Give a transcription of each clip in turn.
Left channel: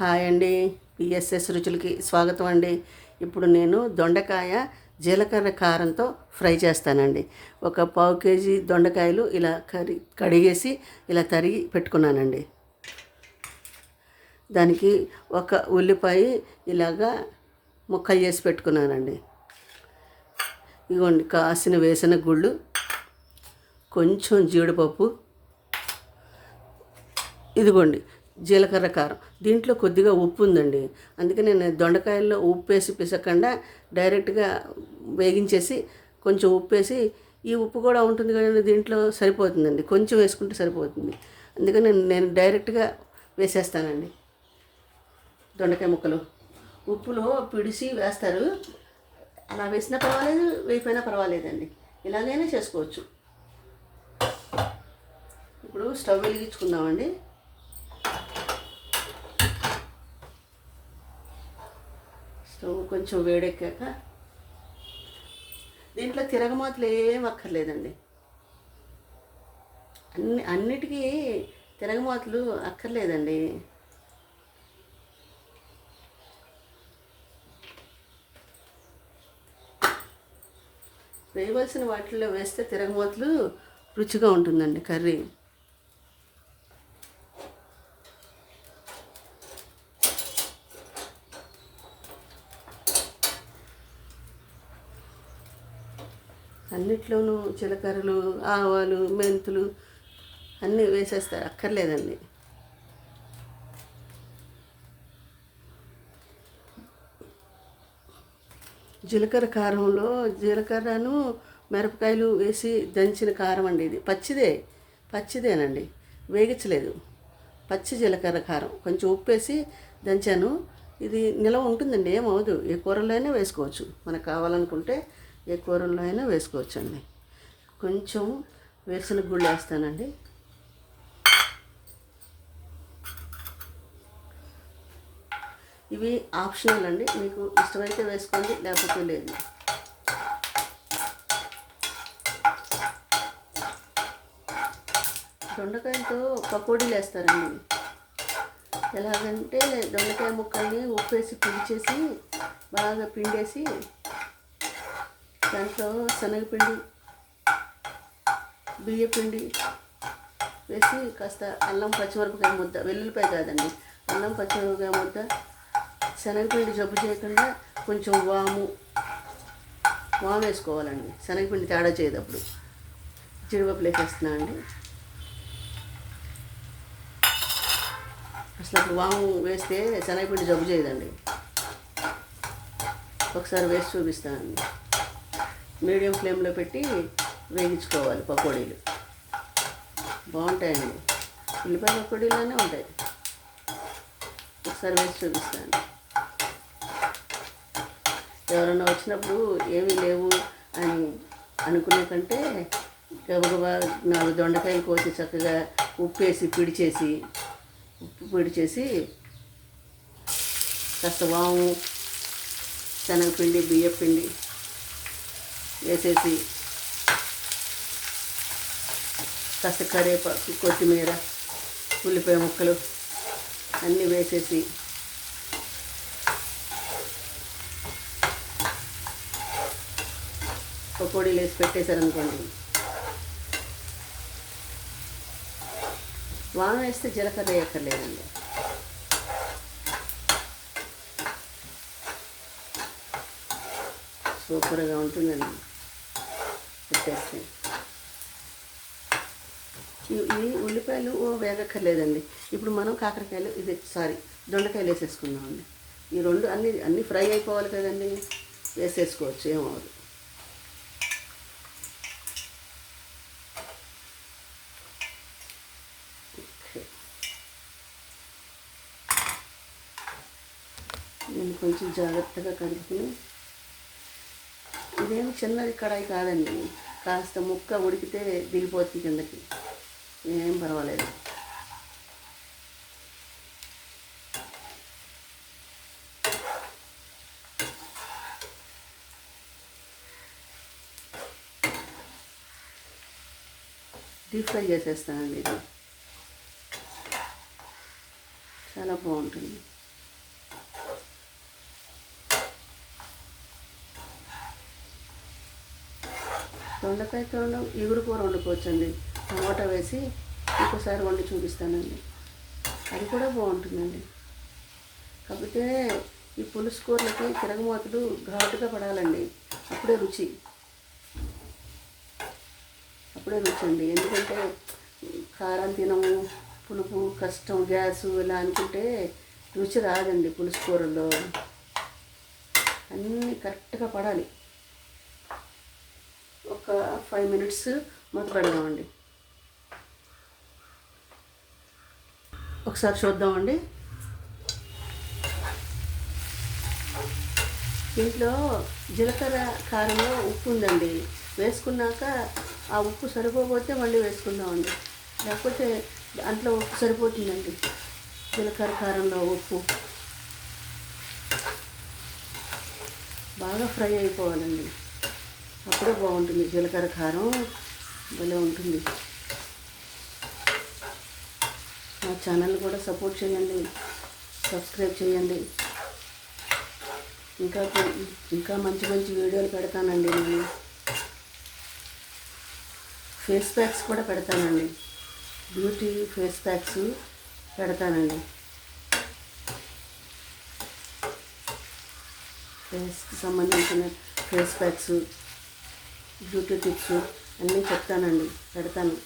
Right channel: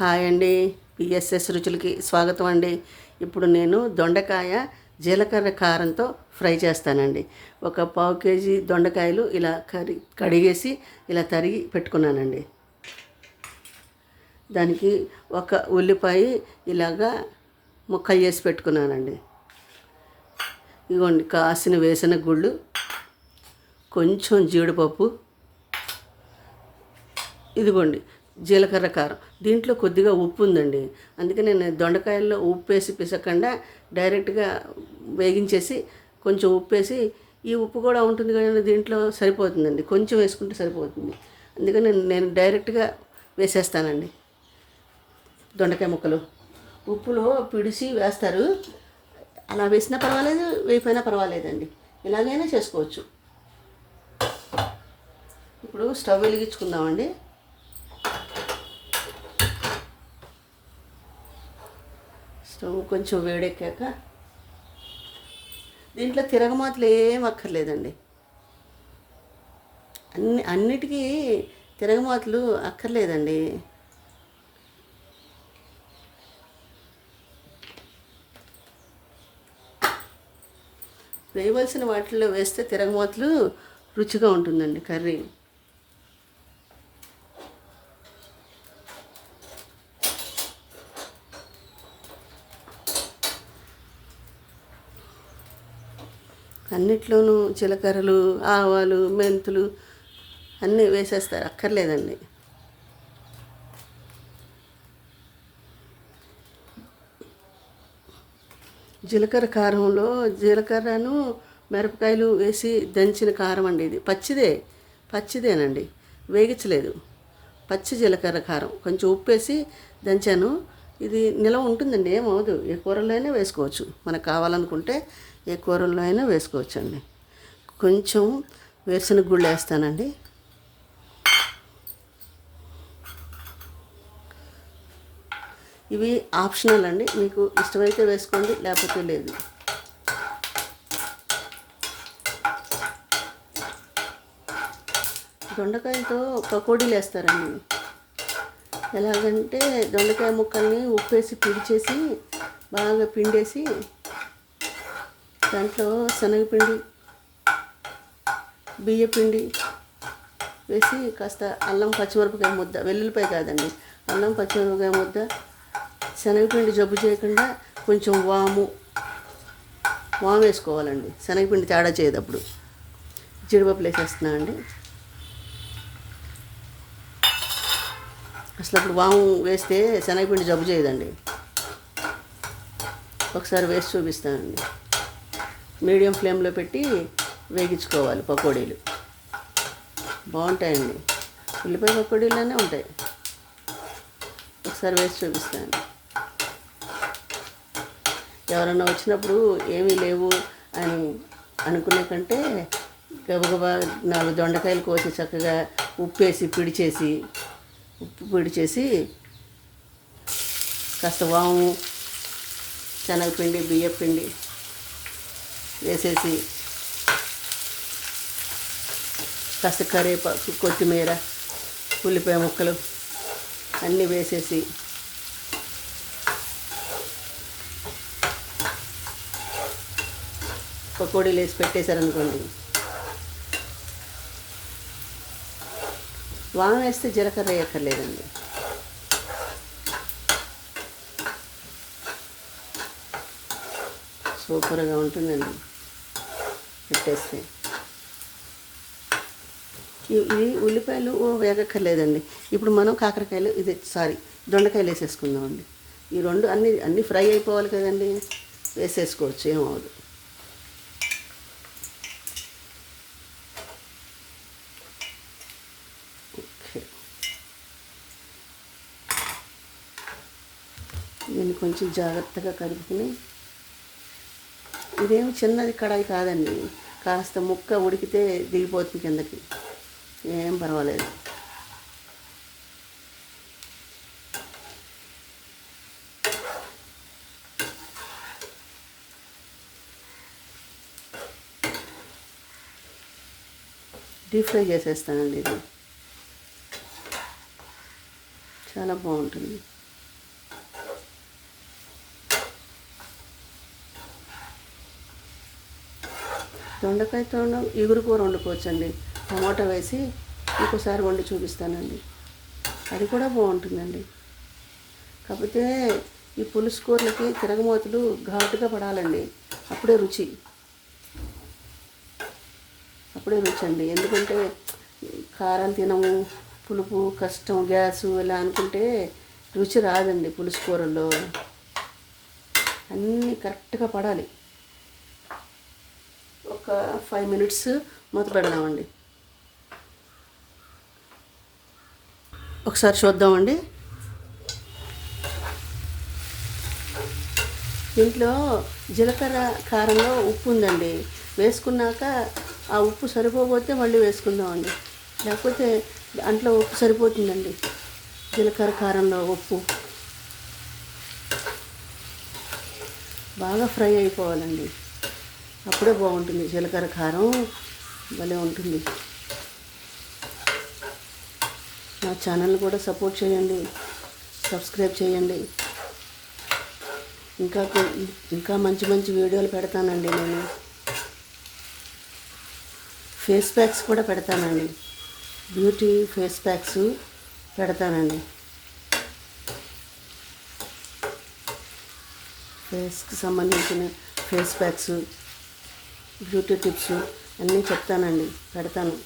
Hi అండి. PSS రుచులకి స్వాగతం అండి. ఇప్పుడు నేను దొండకాయ జీలకర్ర కారంతో ఫ్రై చేస్తానండి. ఒక పావు కేజీ దొండకాయలు ఇలా కడిగేసి ఇలా తరిగి పెట్టుకున్నానండి. దానికి ఒక ఉల్లిపాయ ఇలాగా ముక్కలు చేసి పెట్టుకున్నానండి. ఇదిగోండి కాసిన వేసిన గుళ్ళు, కొంచెం జీడిపప్పు, ఇదిగోండి జీలకర్ర కారం. దీంట్లో కొద్దిగా ఉప్పు ఉందండి, అందుకని నేను దొండకాయల్లో ఉప్పు వేసి పిసకుండా డైరెక్ట్గా వేగించేసి కొంచెం ఉప్పు వేసి, ఈ ఉప్పు కూడా ఉంటుంది కానీ దీంట్లో సరిపోతుందండి, కొంచెం వేసుకుంటే సరిపోతుంది. అందుకని నేను డైరెక్ట్గా వేసేస్తానండి దొండకాయ ముక్కలు. ఉప్పులో పిడిసి వేస్తారు, అలా వేసినా పర్వాలేదు, వేయిపోయినా పర్వాలేదండి, ఇలాగైనా చేసుకోవచ్చు. ఇప్పుడు స్టవ్ వెలిగించుకుందామండి. స్టవ్ కొంచెం వేడెక్కాక దీంట్లో తిరగమాతలు ఏం అక్కర్లేదండి. అన్నిటికీ తిరగమాతలు అక్కర్లేదండి. వేయవలసిన వాటిల్లో వేస్తే తిరగమాతలు రుచిగా ఉంటుందండి కర్రీ. అన్నిట్లోనూ జీలకర్రలు, ఆవాలు, మెంతులు అన్నీ వేసేస్తారు, అక్కర్లేదండి. జీలకర్ర కారంలో జీలకర్రను మిరపకాయలు వేసి దంచిన కారం అండి. ఇది పచ్చిదేనండి, వేగించలేదు. పచ్చి జీలకర్ర కారం, కొంచెం ఉప్పు వేసి దంచాను. ఇది నిలవ ఉంటుందండి, ఏమవదు. ఏ కూరలో అయినా వేసుకోవచ్చు, మనకు కావాలనుకుంటే ఏ కూరల్లో అయినా వేసుకోవచ్చు అండి. కొంచెం వేరుశనగ గుళ్ళు వేస్తానండి. ఇవి ఆప్షనల్ అండి, మీకు ఇష్టమైతే వేసుకోండి, లేకపోతే లేదు. దొండకాయలతో పకోడీలు వేస్తారండి. ఎలాగంటే దొండకాయ ముక్కల్ని ఉప్పేసి పిడిచేసి బాగా పిండేసి దాంట్లో శనగపిండి, బియ్యపిండి వేసి కాస్త అల్లం పచ్చిమిరపకాయ ముద్ద, వెల్లుల్లిపాయ కాదండి, అల్లం పచ్చిమిరపకాయ ముద్ద, శనగపిండి జబ్బు చేయకుండా కొంచెం వాము వేసుకోవాలండి. శనగపిండి తేడా చేయదప్పుడు. జీడిపప్పులు వేసేస్తున్నానండి. అసలు అప్పుడు వాము వేస్తే శనగపిండి జబ్బు చేయదండి. ఒకసారి వేసి చూపిస్తానండి. మీడియం ఫ్లేమ్లో పెట్టి వేగించుకోవాలి పకోడీలు, బాగుంటాయండి. ఉల్లిపాయ పకోడీలోనే ఉంటాయి. ఒకసారి వేసి చూపిస్తాను. ఎవరన్నా వచ్చినప్పుడు ఏమీ లేవు అని అనుకునే కంటే గబగబా 4 దొండకాయలు కోసి చక్కగా ఉప్పు పిడిచేసి కాస్త వాము, శనగపిండి, బియ్యపిండి వేసేసి కాస్త కరివేపాకు, కొత్తిమీర, ఉల్లిపాయ ముక్కలు అన్నీ వేసేసి పకోడీలు వేసి పెట్టేశారనుకోండి. వాము వేస్తే జీలకర్ర వేయక్కర్లేదండి. సూపర్గా ఉంటుందండి పెట్టేస్తే. ఇది ఉల్లిపాయలు వేగక్కర్లేదండి. ఇప్పుడు మనం దొండకాయలు వేసేసుకుందామండి. ఈ రెండు అన్నీ ఫ్రై అయిపోవాలి కదండి, వేసేసుకోవచ్చు, ఏమవుదు. దీన్ని కొంచెం జాగ్రత్తగా కలుపుకుని, ఇదేమి చిన్నది కడాయి కాదండి, కాస్త ముక్క ఉడికితే దిగిపోతుంది కిందకి, ఏం పర్వాలేదు. డీప్ ఫ్రై చేసేస్తానండి. ఇది చాలా బాగుంటుంది. దొండకాయతో ఇగురు కూర వండుకోవచ్చండి. టమాటా వేసి ఇంకోసారి వండి చూపిస్తానండి. అది కూడా బాగుంటుందండి. కాకపోతే ఈ పులుసు కూరలకి తిరగమూతలు ఘాటుగా పడాలండి. అప్పుడే రుచి అండి. ఎందుకంటే కారం తినము, పులుపు కష్టం, గ్యాసు ఇలా అనుకుంటే రుచి రాదండి. పులుసు కూరల్లో అన్నీ కరెక్ట్గా పడాలి. ఒక 5 మినిట్స్ మూత పెడదామండి. ఒకసారి చూద్దామండి. దీంట్లో జీలకర్ర కారంలో ఉప్పు ఉందండి. వేసుకున్నాక ఆ ఉప్పు సరిపోతే మళ్ళీ వేసుకుందామండి. లేకపోతే దాంట్లో ఉప్పు సరిపోతుందండి. జీలకర్ర కారంలో ఉప్పు బాగా ఫ్రై అయిపోవాలండి. అప్పుడే బాగుంటుంది. జీలకర్ర కారం భలే ఉంటుంది. మా ఛానల్ కూడా సపోర్ట్ చేయండి, సబ్స్క్రైబ్ చేయండి. ఇంకా మంచి మంచి వీడియోలు పెడతానండి. నేను ఫేస్ ప్యాక్స్ కూడా పెడతానండి. బ్యూటీ ఫేస్ ప్యాక్స్ పెడతానండి. ఫేస్కి సంబంధించిన ఫేస్ ప్యాక్స్, బ్యూటీ టిప్స్ అన్నీ చెప్తానండి, పెడతాను.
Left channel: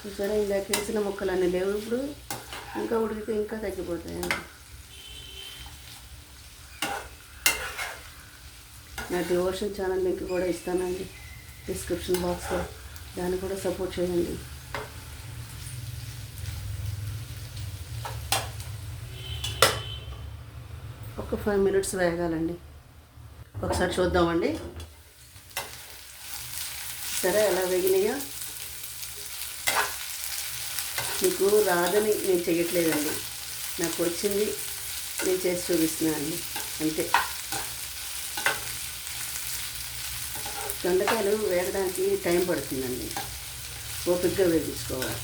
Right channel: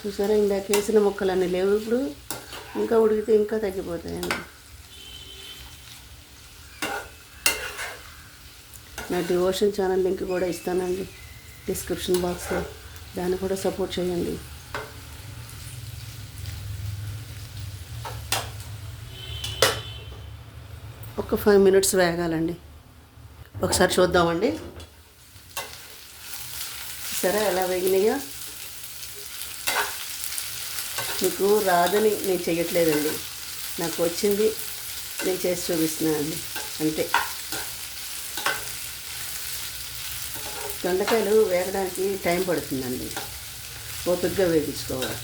చూసారా, ఇందాక వేసిన ముక్కలన్నీ లేవు. ఇప్పుడు ఇంకా ఉడికితే ఇంకా తగ్గిపోతాయండి. నా డివోషన్ ఛానల్ లింక్ కూడా ఇస్తానండి డిస్క్రిప్షన్ బాక్స్లో. దాన్ని కూడా సపోర్ట్ చేయండి. ఒక 5 మినిట్స్ వేగాలండి. ఒకసారి చూద్దామండి. సరే, ఎలా వేగినాయో. మీకు రాదని నేను చెయ్యట్లేదండి. నాకు వచ్చింది నేను చేసి చూపిస్తున్నానండి, అంతే. దొండకాయలు వేగడానికి టైం పడుతుందండి. ఓపికగా వేగించుకోవాలి.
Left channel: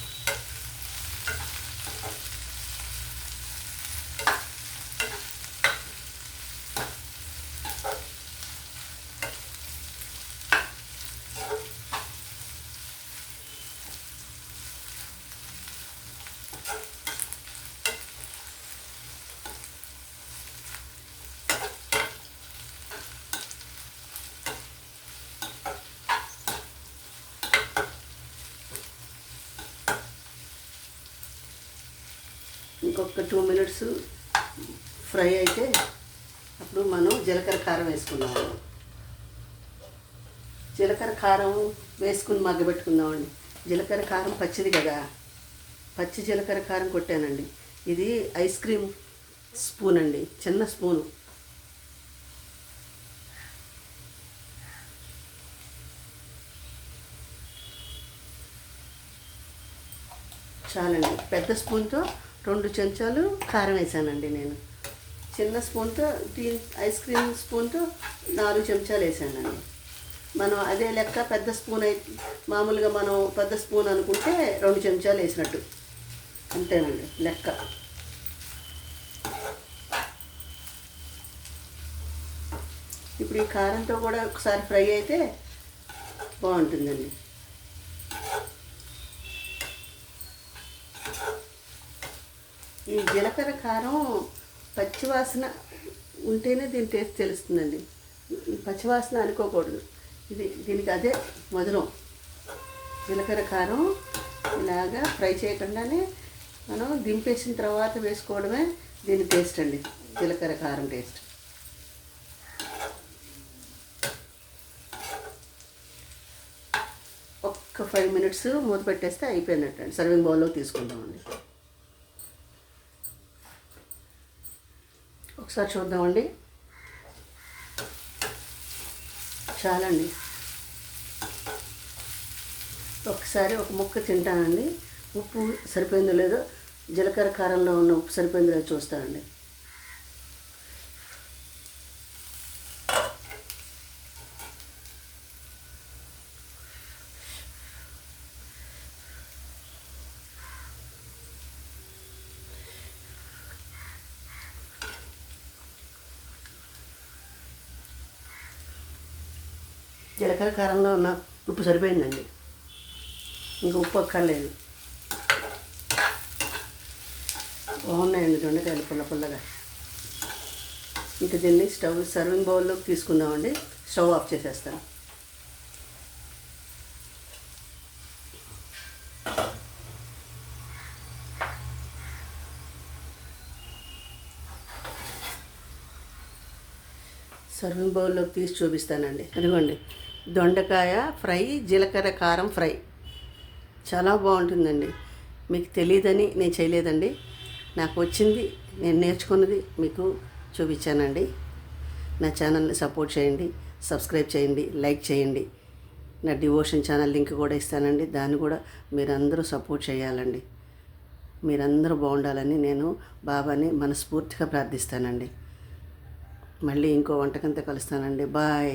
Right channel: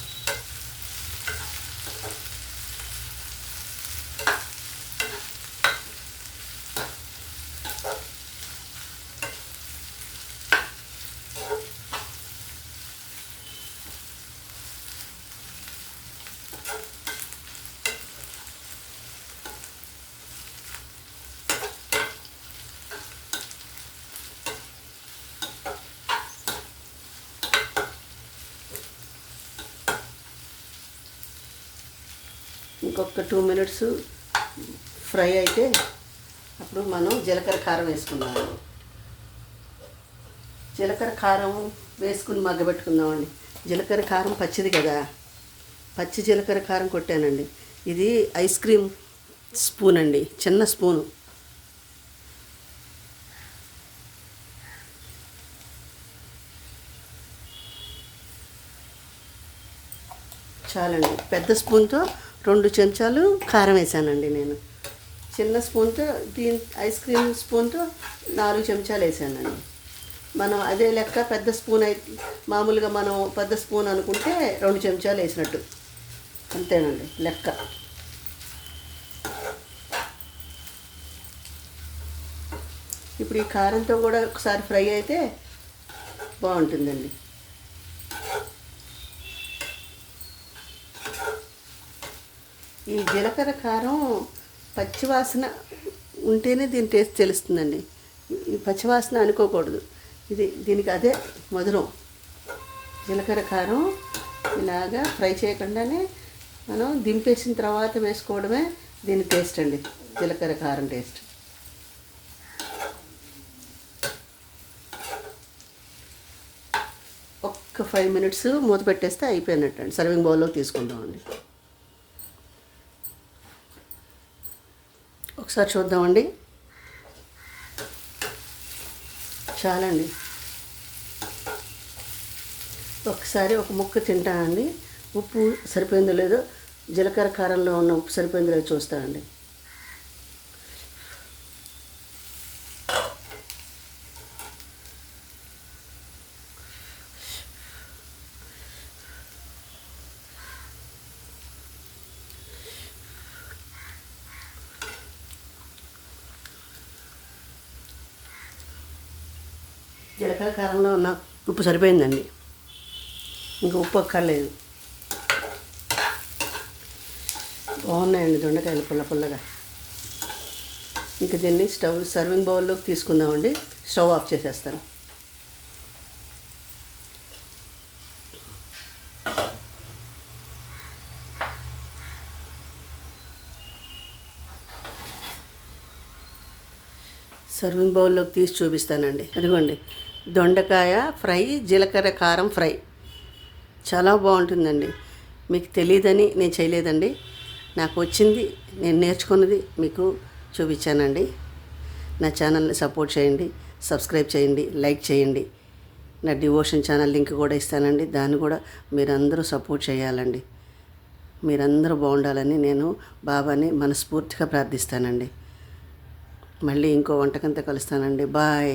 ఇంకొక 2 మినిట్స్ ఫ్రై అయితే అప్పుడు మనం జీలకర్ర కారం వేసుకున్నాము. జీలకర్ర కారం వేసుకుని మగ్గబెట్టుకుందామండి. జీలకర్ర కారం పచ్చిది కదా, పచ్చి జీలకర్ర కారం కొట్టానండి. ఇది ఐస్ క్రీమ్ స్పూన్ అండి, చిన్న స్పూను. చాలండి. పెద్ద స్పూన్తో 2 చెంచాలు కారం వేసానండి నేను. చిన్న స్పూన్తో ఐస్ క్రీమ్ స్పూన్తో 4 చెంచాలు వేసానండి. మనం అదే లెక్క పెద్ద స్పూన్ అయితే మామూలుగా మనం పెద్ద స్పూన్ అనుకుంటే 2 చెంచాలు వేసినట్టు, అంతేనండి లెక్క. ఇప్పుడు ఈ కారంతో కూడా ఒకసారి ఫ్రై అయితే బాగుంటుందండి. ఈ జీలకర్ర కారం పచ్చివాసన ఉంటేనే దీని టేస్ట్ తెలుస్తుందండి. ఈ పచ్చివాసన అనుకోకూడదు. దీనికి అదే మధురం. జీలకర్ర కారం ఇలాగా ఫ్రై చేయకుండానే మనం దింపేసిన తర్వాత వేసుకోవడమే దీని టేస్ట్ అండి, జీలకర్ర కారం టేస్ట్. ఒక్క 5 మినిట్స్ మూత పెట్టేస్తే అయిపోయినట్టండి. సర్వింగ్ బౌల్లో తీసుకుందామండి. ఒకసారి చూద్దామండి. చాలండి. ఒకసారి ఒక ముక్క తింటానండి. ఉప్పు సరిపోయిందో లేదో, జీలకర్ర కారంలో ఉన్న ఉప్పు సరిపోయిందో లేదో చూస్తానండి. జీలకర్ర కారంలో ఉన్న ఉప్పు సరిపోయిందండి, ఇంకా ఉప్పు అక్కర్లేదు. బాగున్నాయండి దొండకాయలు పుల్ల పుల్లగా. ఇంకా దీన్ని సర్వింగ్ బౌల్లోకి తీసుకుందామండి. స్టవ్ ఆఫ్ చేసేస్తాను. సర్వింగ్ బౌల్లోకి తీసి చూపిస్తానండి. అదిగోండి, దొండకాయ ఫ్రై, జీలకర్ర కారం ఫ్రై చాలా బాగుంటుందండి. మీకు తెలియదని నేను చేయలేదండి, నాకు వచ్చింది, నేను నేర్చుకున్నది మీకు చూపించానండి. నా ఛానల్ని సపోర్ట్ చేయండి, సబ్స్క్రైబ్ చేయండి, లైక్ చేయండి. నా డివోషన్ ఛానల్ లింక్ కూడా ఇస్తానండి, దాన్ని కూడా మీరందరూ సపోర్ట్ చేయాలండి. మీరందరూ బాగుండాలని నేను బాబాని మనస్ఫూర్తిగా ప్రార్థిస్తానండి. మళ్ళీ ఇంకో వంటకంతో కలుస్తానండి. బాయ్.